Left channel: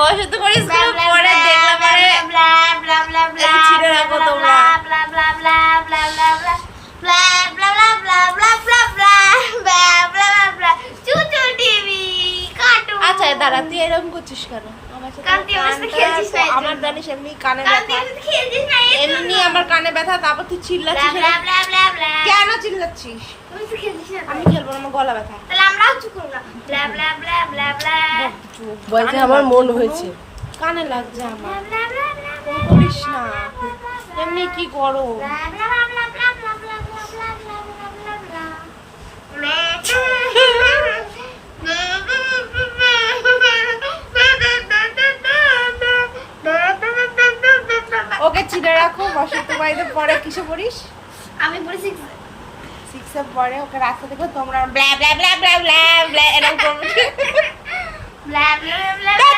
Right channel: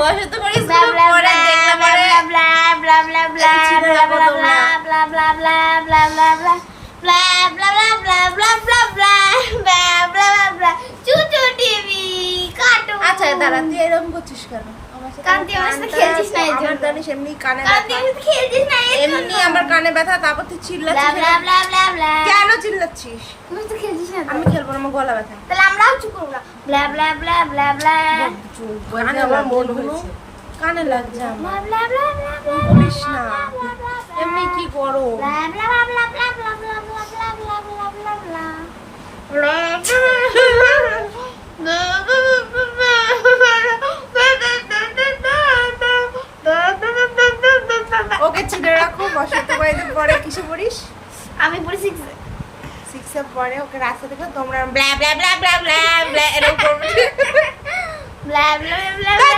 বসন্ত করে স্কুলে পড়ে দেখলাম পরে ব্লা ব্লা ব্লা ব্লা ছিঁড়ে রাখো তোমরা। ব্লা ব্লা ব্লা ব্লা ব্লা ব্লা ব্লা ব্লা ব্লা ব্লা ব্লা ব্লা ব্লা ব্লা ব্লা ব্লা ব্লা চুচু টিভি কার্টুন। আচ্ছা দাঁড়া, তুই এরকম করছিস কেন আমার সাথে? কারণ তুই আমার সাথে খেলছিস না, এই আমার জন্য। জানিস এমনি কানে কারণ ব্যথা, তুই খেলছিস না, এই জন্য। এমনি আমার কানে ব্যথা, তারপর তুই ব্লা চিল্লাচ্ছিস। ব্লা ব্লা ব্লা ব্লা। কেন চিল্লাচ্ছিস? তুমি তো খেলছিস না তো। আমি খেলবো না, আমার গলা ব্যথা। তাহলে আমরাও চুপ করব না। ব্লা ব্লা ব্লা ব্লা ব্লা কানে আমার মন লাগছে হয়েছে। কোনো? কানে লাগছে আমার। ব্লা ব্লা ব্লা ব্লা এরকম করিস না, এমনি কি করো? ব্লা ব্লা ব্লা ব্লা ব্লা ব্লা ব্লা ব্লা ব্লা ব্লা ব্লা ব্লা। ওকে চিনে রাখো। বসন্ত বাড়িতে পরে কিসে পড়িস? আমি পড়েছি 6 পরে ওকে রাস্তা দেখো তোমরা ব্লা ব্লা ব্লা ব্লা ব্লা ব্লা এরকম করবে। ব্লা ব্লা ব্লা ব্লা